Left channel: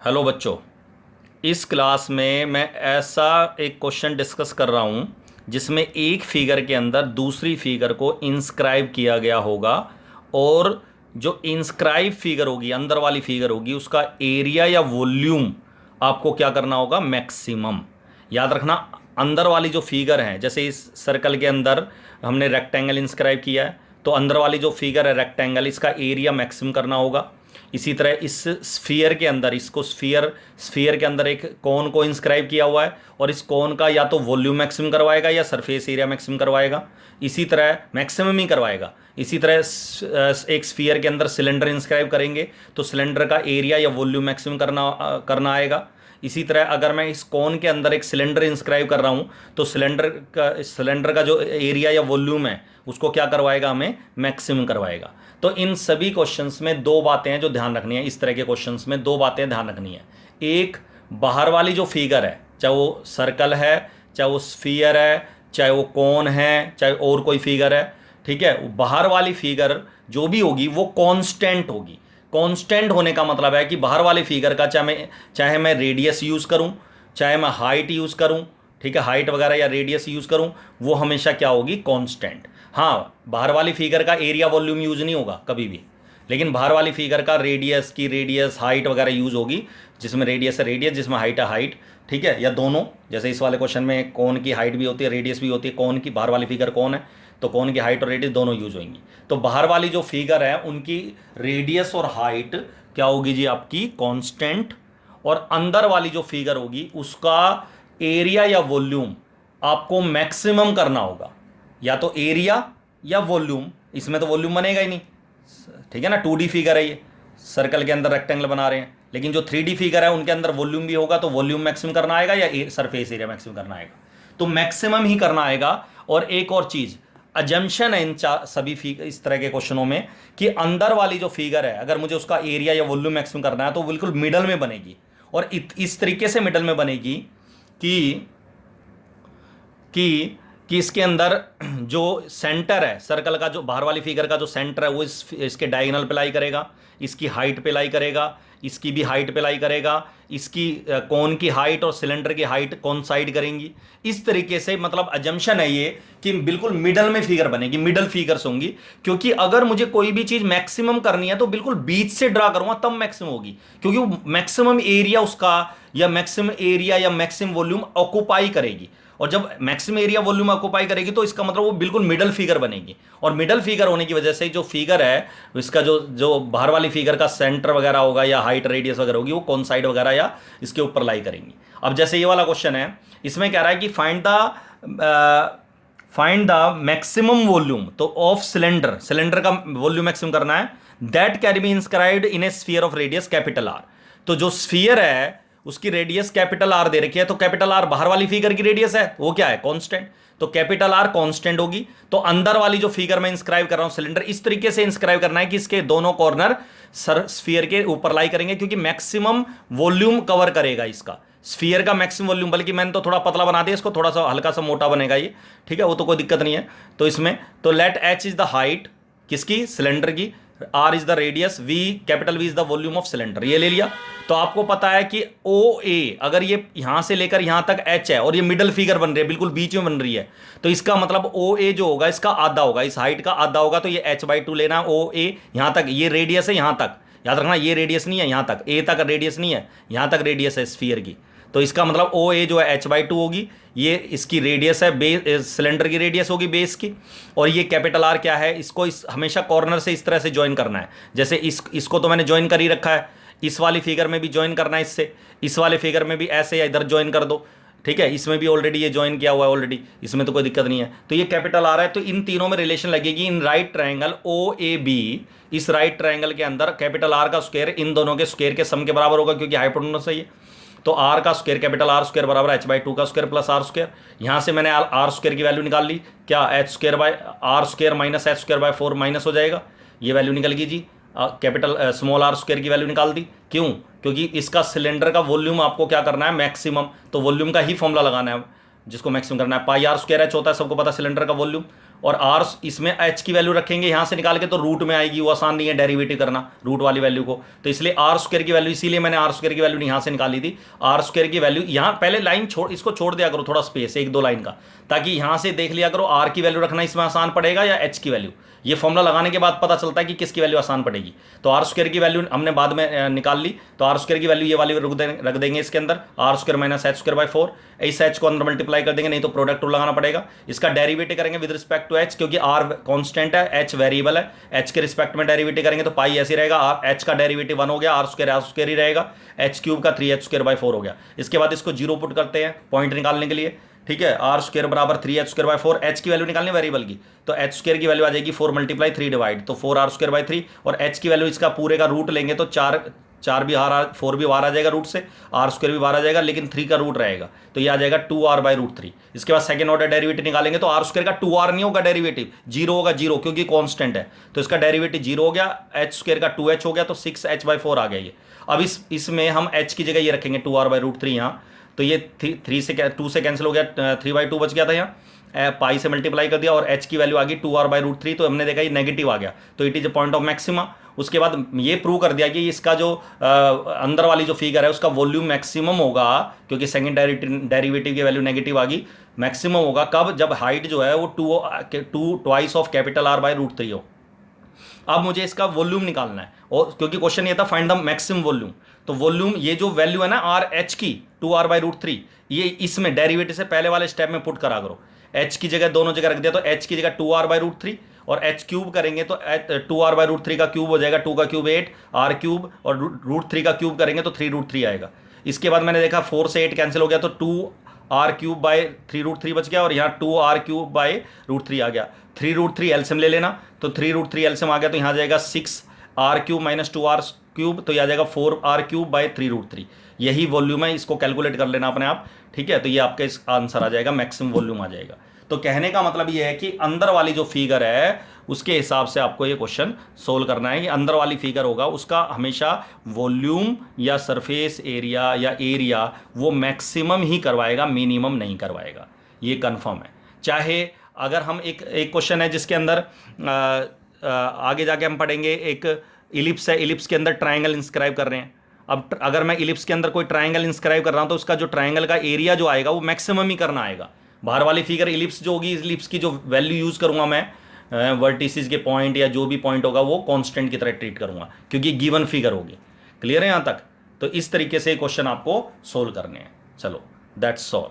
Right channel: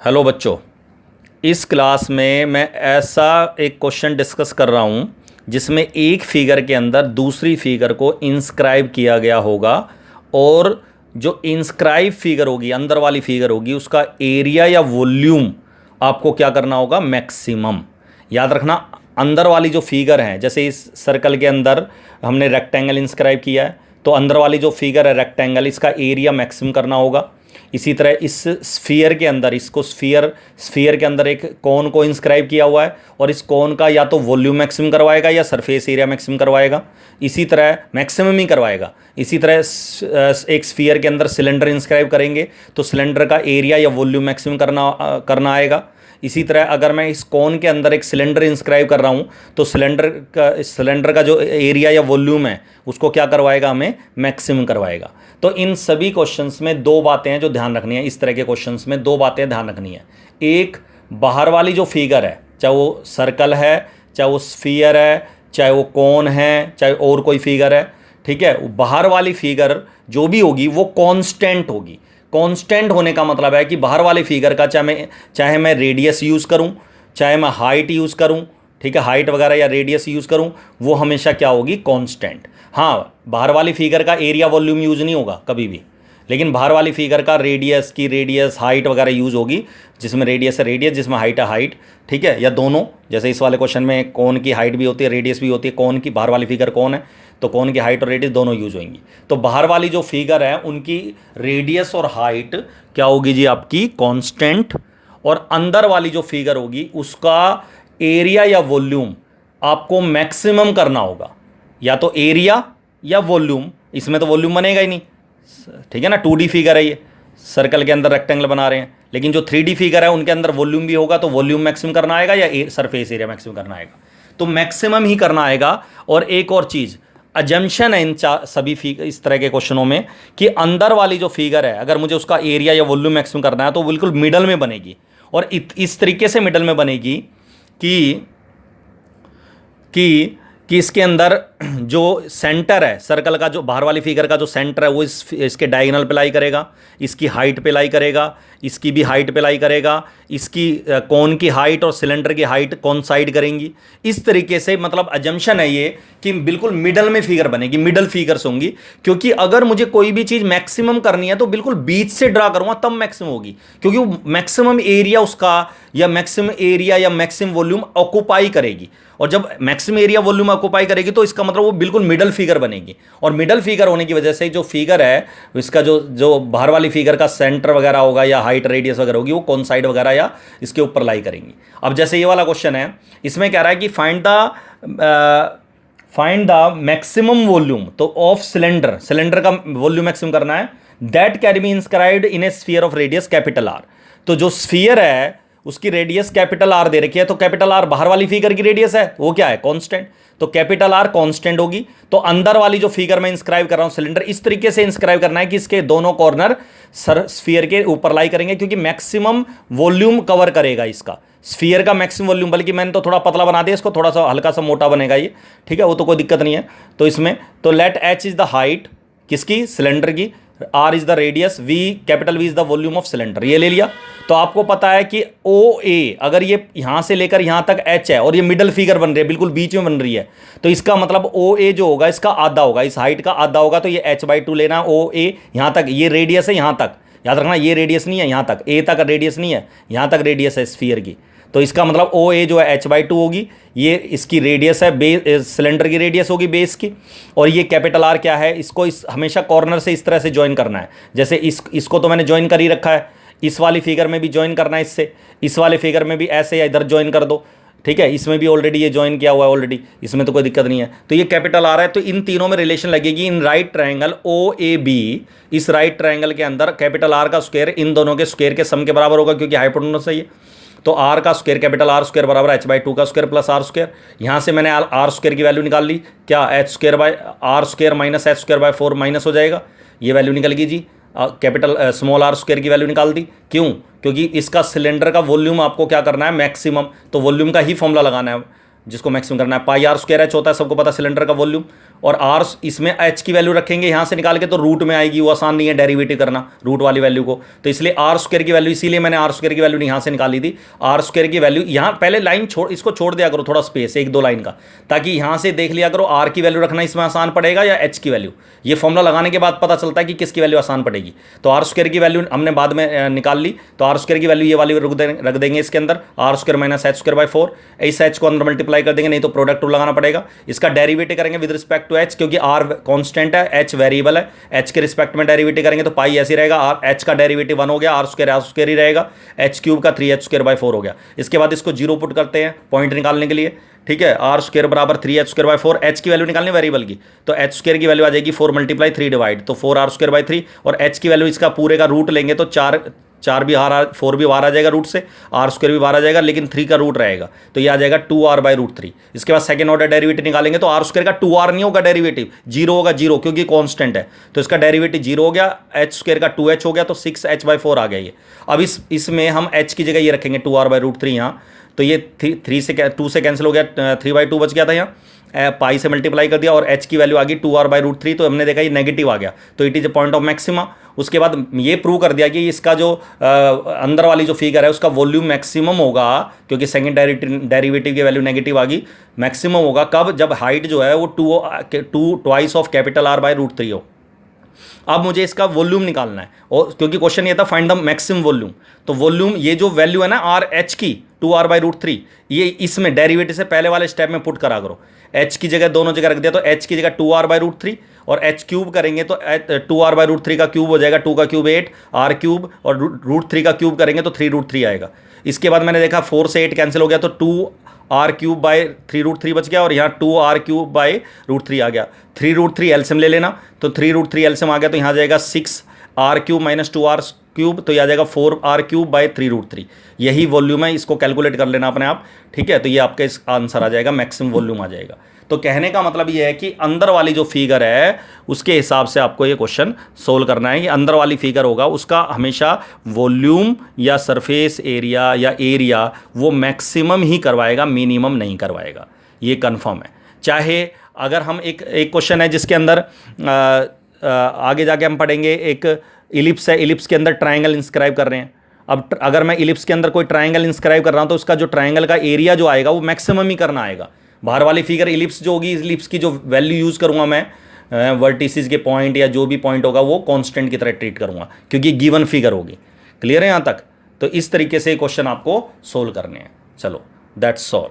Hello बच्चों। इस class में मैं ऐसा एक क्वेश्चन डिस्कस कर रहा हूँ जिसमें एक फिगर के अंदर दूसरी फिगर को इंस्क्राइब किया गया होगा और जो इंस्क्राइब फिगर होगी, अंदर वाली फिगर होगी, उसका एरिया या वॉल्यूम आपको क्या करना होगा, मैक्सिमम। याद रखना, अंदर वाली जो फिगर है, जैसे इस सर्कल के अंदर हमने रेक्टेंगल इंस्क्राइब किया है, तो अंदर वाली जो फिगर है रेक्टेंगल, इसका एरिया मैक्सिमम करना होगा। इसी तरह इस स्फीयर के अंदर, इसको स्फीयर स्फीयर के अंदर एक कोन को इंस्क्राइब किया हुआ है और इस कोन का या तो वॉल्यूम मैक्सिमम करवाएगा या सरफेस एरिया मैक्सिमम करवाएगा। इसी तरह मैक्सिमम ही करवाएगा। इसी तरह एक स्फीयर के अंदर सिलेंडर इंस्क्राइब करेंगे तो सिलेंडर का एरिया या वॉल्यूम मैक्सिमम करना आएगा। इसी तरह अगर मैं इस कोन के अंदर एक सिलेंडर इंस्क्राइब कर रहा हूँ तो सिलेंडर का जो एरिया या वॉल्यूम है उसको क्या करवाएगा, हमें मैक्सिमम करवाएगा। तो इन सभी क्वेश्चंस में दो बातें हैं जो ध्यान रखनी है। इस तरह के क्वेश्चंस में दो बातें ध्यान रखनी है। एक, बाहर वाली जो फिगर है, चाहे वो सर्कल है, चाहे वो स्फीयर है, चाहे वो कोन है, चाहे और कोई फिगर है, ठीक है, बाहर वाली फिगर जो भी होगी वो कांस्टेंट होगी। कांस्टेंट होने का मतलब है कि बाहर वाली फिगर का चाहे मैं रेडियस यूज़ करूं, चाहे मैं हाइट यूज़ करूं, ठीक है, हाइट वगैरह या रेडियस यूज़ करूं, वो हमेशा क्या होगी, कांस्टेंट। हाँ, बाहर वाली फिगर का एरिया वॉल्यूम यूज़ नहीं होगा कभी भी, लेकिन बाहर वाली फिगर का रेडियस हाइट वगैरह यूज़ होगी, जिसमें रेडियस है रेडियस, जिसमें हाइट है हाइट, ठीक है, या दोनों। जैसे इस वाले क्वेश्चन में कोन की हाइट भी होती है, रेडियस भी होती है, कोन की, बाहर वाली फिगर कौन है तो कोन की हाइट और रेडियस दोनों यूज होंगी। तो बाहर वाली जो फिगर है उनकी रेडियस और हाइट क्या होगी जी, आपकी कांस्टेंट। और अंदर वाली जो फिगर होगी उसका एरिया या वॉल्यूम आपको मैक्सिमम करना होगा, या तो एरिया या वॉल्यूम। इसमें तो वॉल्यूम बनेगा ही नहीं, ठीक है ना, 2D फिगर है ये, सर्कल के अंदर रेक्टेंगल बना रहे हैं। लेकिन जो 3D फिगर है उनके अंदर वॉल्यूम भी होगा, तो वॉल्यूम मैक्सिमम करना आएगा या सरफेस एरिया मैक्सिमम करना आएगा, तो मैक्सिमम ही करना आएगा। और एक और चीज़, अजम्पशन है इन सभी इस तरह के क्वेश्चनों में कि अंदर वाली जो फिगर है अगर मुझे उसका एरिया या वॉल्यूम मैक्सिमम करना है तो बिल्कुल मिडल में बनेगी। और इस तरीके से मिडल में बनेगी कि कि कि इसके अंदर जो सेंटर है सर्कल का, जो बाहर वाली फिगर का जो सेंटर है वो इसके डायगोनल पे लाई करेगा, इसकी हाइट पे लाई करेगा, इसकी भी हाइट पे लाई करेगा, इसकी कोन की हाइट और सिलेंडर की हाइट कोइंसाइड करेंगी। इस तरीके से मतलब अजम्पशन है ये कि बिल्कुल मिडल में फिगर बनेगी, मिडल फिगर्स होंगी। क्योंकि अगर मुझे कोई भी चीज़ मैक्सिमम करनी है तो बिल्कुल बीच से ड्रा करूंगा तब मैक्सिमम होगी, क्योंकि वो मैक्सिमम एरिया उसका या मैक्सिमम एरिया या मैक्सिमम वॉल्यूम ऑक्यूपाई करेगी। और जब मैक्सिमम एरिया वॉल्यूम ऑक्यूपाई करेगी तो इसका मतलब वो बिल्कुल मिडल फिगर बनेगी। और मिडल फिगर होने की वजह से जो फिगर है इसका जो जो बाहर वाली फिगर का सेंटर वगैरह होगा या हाइट रेडियस वगैरह होगी वो कौन साइड वगैरह या इसके ऊपर लाई करेंगी। अब जैसे ये वाला क्वेश्चन है, इसमें कह रहा है कि फाइंड द मैक्सिमम वॉल्यूम तो ऑफ सिलेंडर का वॉल्यूम मैक्सिमम करना है, that can be inscribed in A sphere of radius capital R. तो जो स्फीयर है उसकी रेडियस कैपिटल आर दे रखी है, तो कैपिटल आर बाहर वाली फिगर की रेडियस है, वो क्या है, कांस्टेंट, तो कैपिटल आर कांस्टेंट होगी। तो अंदर वाली जो फिगर मैं इंस्क्राइब कर रहा हूं सिलेंडर, इस तरीके से इंस्क्राइब करना है कि इसके दोनों कॉर्नर स्फीयर के ऊपर लाई करेंगे, क्योंकि मैक्सिमम वॉल्यूम कवर करेगा इसका स्फीयर का मैक्सिमम वॉल्यूम। बल्कि मैंने तो थोड़ा पतला बना दिया इसको, थोड़ा सा हल्का सा मोटा बनेगा ये, ठीक है, वो तो कोई दिक्कत नहीं है। तो इसमें तो let H is the height किसकी, सिलेंडर की, R is the radius, V capital V is the volume of cylinder, ये ले लिया। तो आपको पता है कि ओ ए, अगर ये यहां से लेकर यहां तक एच है और ये मिडल फिगर बन रही है, बिल्कुल बीच में बन रही है, तो इसका मतलब ओ ए जो होगा इसका आधा होगा, इस हाइट का आधा होगा, तो ये h/2 लेना, ओ ए यहां तक, ये रेडियस है यहां तक, याद रखना ये रेडियस नहीं है यहां तक, ए तक रेडियस नहीं है, यहां तक रेडियस है स्फीयर की। तो इसका मतलब ओ ए जो है h/2 होगी, ये इसकी रेडियस है, सिलेंडर की रेडियस होगी बेस की। और ये कैपिटल आर क्या है, इसको हमेशा कॉर्नर से इस तरह से ज्वाइन करना है। जैसे इसको तो मैंने ज्वाइन कर ही रखा है, इस वाली फिगर में भी ज्वाइन करना है इससे, इस वाले फिगर में भी ऐसे या इधर ज्वाइन कर दो, ठीक है, इसमें भी ऑलरेडी ये ज्वाइन किया हुआ है ऑलरेडी, इसमें तो कोई दिक्कत नहीं है। तो ये कैपिटल आर है, तो इन तीनों में रिलेशन लगेगी in right triangle O A B. इस राइट ट्रायंगल के अंदर कैपिटल आर का स्क्वायर इन दोनों के स्क्वायर के सम के बराबर होगा, क्योंकि हाइपोटेन्यूस है ये। तो आर का स्क्वायर कैपिटल आर स्क्वायर बराबर h/2 का स्क्वायर प्लस आर स्क्वायर। यहाँ से मैंने आर स्क्वायर की वैल्यू निकाल ली, क्या h² square minus h²/4 minus हो जाएगा, ये वैल्यू निकल गई जी। कैपिटल स्मॉल आर स्क्वायर की वैल्यू निकाल दी, क्यों, क्योंकि इसका सिलेंडर का वॉल्यूम आपको क्या करना है, मैक्सिमम, तो वॉल्यूम का ही फॉर्मूला लगाना है जिसको मैक्सिमम करना है। πr² h होता है, सबको पता सिलेंडर का वॉल्यूम, और आर इसमें एच की वैल्यू रखेंगे यहाँ से निकाल के, तो रूट में आएगी, वो आसान नहीं है डेरिवेटिव करना रूट वाली वैल्यू को। तो इसलिए आर स्क्वायर की वैल्यू, इसीलिए मैंने आर स्क्वायर की वैल्यू यहाँ से निकाली थी। आर स्क्वायर की वैल्यू यहाँ पहले लाइन छोड़, इसको छोड़ दिया करो थोड़ा स्पेस, एक दो लाइन का, ताकि यहाँ से देख लिया करो आर की वैल्यू रखना इसमें आसान पड़ेगा या एच की वैल्यू। ये फॉर्मूला लगाने के बाद पता चलता है कि किसकी वैल्यू आसान पड़ेगी। तो आर स्क्वायर की वैल्यू हमने बाद में निकाल ली, तो आर स्क्वायर की वैल्यू ये वाली रख देंगे इसके अंदर, R square minus H square by 4। इस एच को अंदर मल्टीप्लाई कर देंगे, नहीं तो प्रोडक्ट रूल लगाना पड़ेगा। इसका डेरिवेटिव करेंगे विद रिस्पेक्ट टू एच, क्योंकि आर कॉन्स्टेंट है, एच वेरिएबल है, एच के रिस्पेक्ट में डेरिवेटिव करेंगे तो पाई ऐसे रहेगा, आर एच का डेरिवेटिव 1 हो गया, आर स्क्वायर ही रहेगा, एच क्यूब का 3h स्क्वायर बाय 4 हो गया। इसके बाद इसको जीरो पुट करते हैं पॉइंट निकालने के लिए, ठीक है। आर स्क्वायर बराबर 3h स्क्वायर बाय 4, एच की वैल्यू निकालनी वेरिएबल की, तो एच स्क्वायर की वैल्यू आ जाएगी 4 मल्टीप्लाई 3 डिवाइड, तो 4r स्क्वायर बाय 3, और एच की वैल्यू इसका पूरे का रूट लेंगे तो 4 भी 4 भी बाहर आ जाएगा रूट से, आर स्क्वायर भी बाहर आ जाएगा, लेकिन 3 का रूट रहेगा, तो ये आ जाएगा 2r बाय रूट 3। इसके बाद सेकंड ऑर्डर डेरिवेटिव निकालेंगे तो आर स्क्वायर का 2r नहीं होगा डेरिवेटिव, जीरो होगा, जीरो, क्योंकि कांस्टेंट है, तो इसका डेरिवेटिव जीरो हो गया, एच स्क्वायर का 2h हो गया, तो 6h बाय 4 आ गया ये। अब इसमें हम h की जगह ये रखेंगे 2r बाय रूट 3 यहाँ, तो ये 2 से कैंसिल हो गया, 3/2 बच गया था यहाँ, पाई से मल्टीप्लाई कर दिया, और h की वैल्यू आ गई 2r बाय रूट 3, तो हमने देखा ये नेगेटिव आ गया, तो it is a point of maxima. उसके बाद ये प्रूव कर दिया कि इसका जो अंदर वाली जो फिगर है उसका वॉल्यूम मैक्सिमम होगा, क्योंकि सेकंड डेरिवेटिव की वैल्यू नेगेटिव आ गई, मैक्सिमम होगा कब, जब हाइट जो है वो 2 twice of capital R by root 3 हो। अब मुझे इसका वॉल्यूम निकालना है, और क्योंकि क्वेश्चन ये था फाइंड द मैक्सिमम वॉल्यूम, तो वॉल्यूम ये जो वैल्यू है ना आर एच की 2r बाई रूट 3, ये इसमें डेरिवेटिव से पहले वाले स्टेप में पुट करा करो, h की जगह दोनों जगह रख दिया, तो h की जगह 2r बाई रूट 3, और h क्यूब करेंगे तो 2r बाई रूट 3 का क्यूब हो जाएगा, 2 का क्यूब 8, r क्यूब, और रूट 3 का क्यूब करेंगे तो 3 रूट 3 आएगा। इसके बाद मैंने देखा 4 से 8 कैंसिल हो गया, तो 2r क्यूब बाई 3 रूट 3 बच गया, और यहाँ 2r क्यूब बाई रूट 3 आ गया। 3 रूट 3 एलसीएम ले लेना, तो 3 रूट 3 एलसीएम आ गया, तो यहाँ आ जाएगा 6r cube minus 2r cube, तो यह आ जाएगा 4r क्यूब बाई 3 रूट 3। यही वॉल्यूम है, इसको कैलकुलेट कर लेना अपने आप, ठीक है। तो ये आपका इस आंसर आ जाएगा, मैक्सिमम वॉल्यूम आ जाएगा। तो कहने का मतलब ये है कि अंदर वाली जो फिगर है उसके हिसाब से आपको ये क्वेश्चन सोल्व करना है कि अंदर वाली फिगर होगा उसका हमेशा वॉल्यूम या सरफेस एरिया या एरिया वो मैक्सिमम ही करवाएगा, मिनिमम नहीं करवाएगा, ये कंफर्म है। चाहे अगर हम एक क्वेश्चन है जिसके अंदर आगे जाके हम पढ़ेंगे, एक इलिप्स है, इलिप्स के अंदर ट्राइंगल इंस्क्राइब कर रहे हैं। अब अगर मैं इलिप्स के अंदर कोई ट्राइंगल इंस्क्राइब कर रहा हूँ तो उसका जो ट्राइंगल का एरिया जो आएगा वो मैक्सिमम ही करना आएगा। बाहर वाली फिगर इलिप्स जो होगी, इलिप्स की जो वैल्यू यूज़ करूँगा मैं वर्टिसेस के पॉइंट या जो भी पॉइंट होगा वो कांस्टेंट की तरह ट्रीट करूँगा, क्योंकि गिवन फिगर होगी। क्लियर है यहाँ तक? तो इस तरीके से क्वेश्चन आपको सोल्व करने हैं। चलो, दैट्स ऑल।